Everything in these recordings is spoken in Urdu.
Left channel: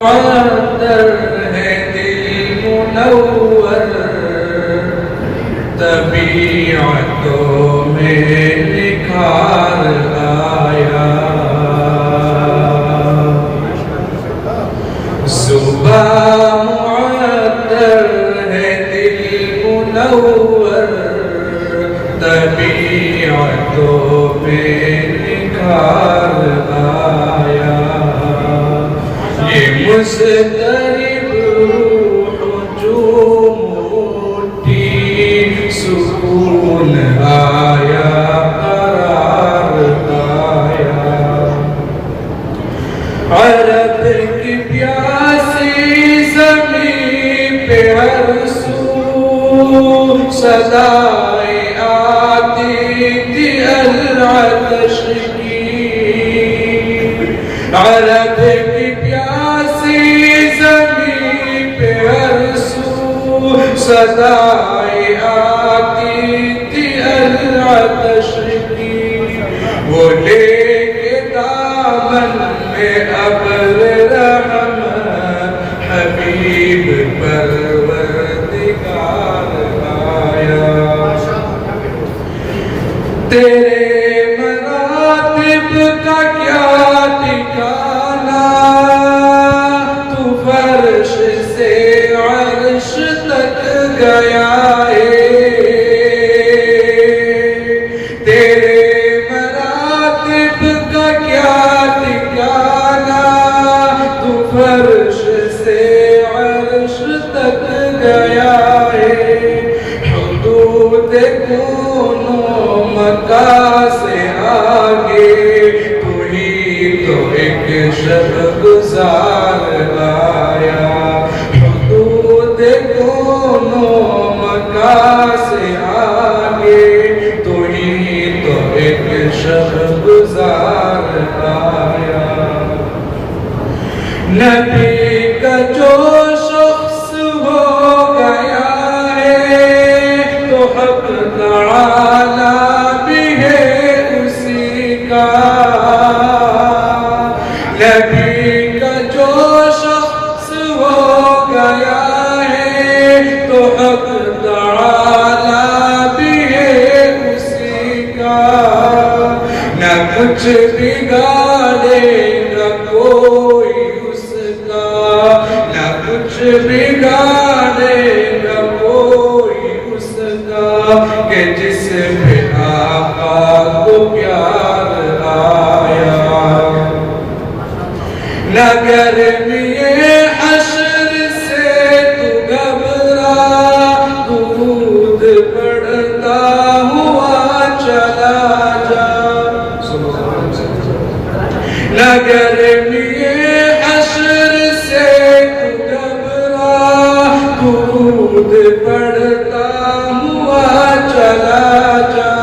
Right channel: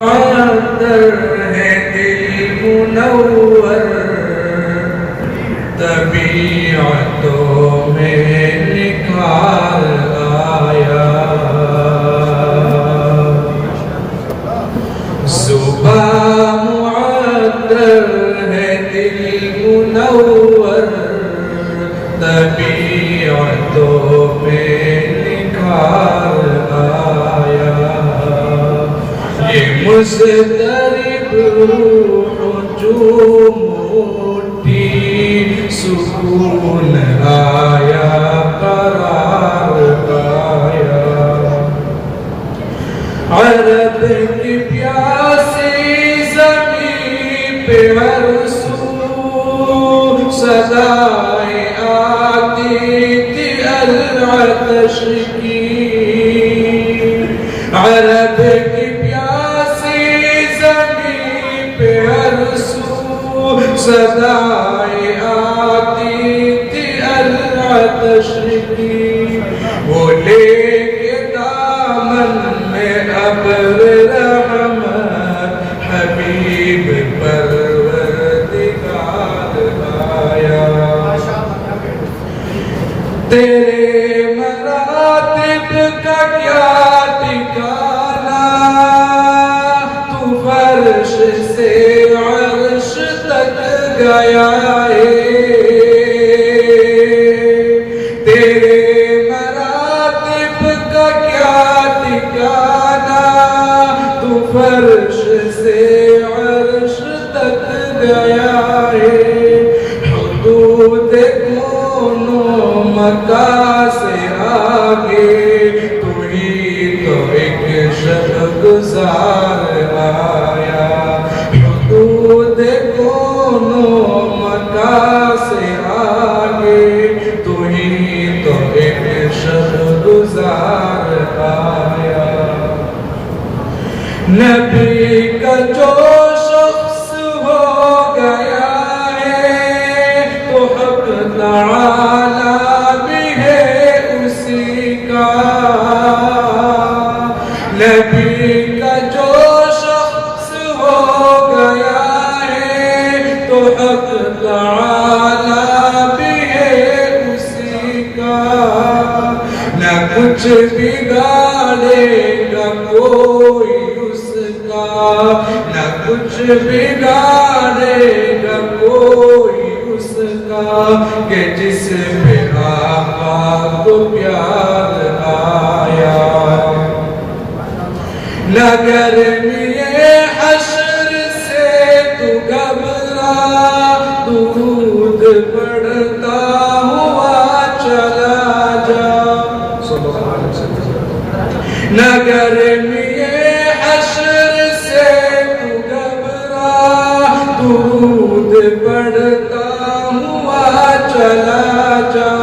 معطر ہے دل منور، طبیعتوں میں نکھار آیا۔ صبح معطر ہے دل منور، طبیعتوں میں نکھار آیا۔ یہ مضطرب روح جو موٹی سکون آیا، قرار آیا۔ عرب کی پیاسی زمین پہ ہر سو صدائیں آتی تھی العطش کی۔ عرب کی صدائیں آتی تھی العطش کی، وہ لے کے دامن میں ابر رحمت حبیب پروردگار آیا۔ تیرے مراتب کا کیا ٹھکانا، تو فرش سے عرش تک گیا ہے۔ تیرے مراتب کا کیا ٹھکانا، تو فرش سے عرش تک گیا ہے۔ حدود کونوں مکان سے آگے تو ہی تو ایک شب گزار آیا۔ حدود کونوں مکان سے آگے تو ہی تو ایک شب گزار آیا۔ نبی کا جو شخص ہو گیا ہے تو حق تعالی بھی ہے اسی کا۔ نبی کا جو شخص ہو گیا ہے تو حق تعالی بھی ہے اسی کا۔ نہ کچھ بگاڑے گا کوئی اس کا، نہ کچھ بگاڑے گا کوئی اس کا، کہ جس پہ آقا کو پیار آیا۔ نہ گرمی حشر سے تو گھبرا، درود پڑھتا ہوا چلا جا۔ نہ گرمی حشر سے تو گھبرا، درود پڑھتا ہوا چلا جا۔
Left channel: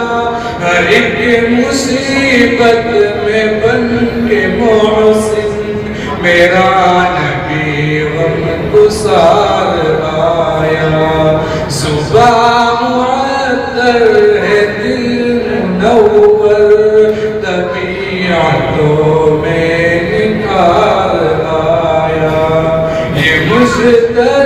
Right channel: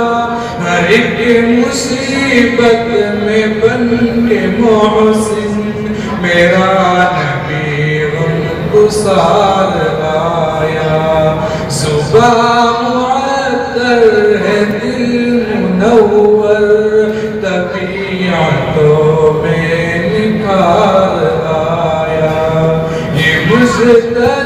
ہر ایک مصیبت میں بن کے محسن، میرا نبی غم گسار آیا۔ صبح معطر ہے دل منور، طبیعتوں میں نکھار آیا۔ یہ مضطرب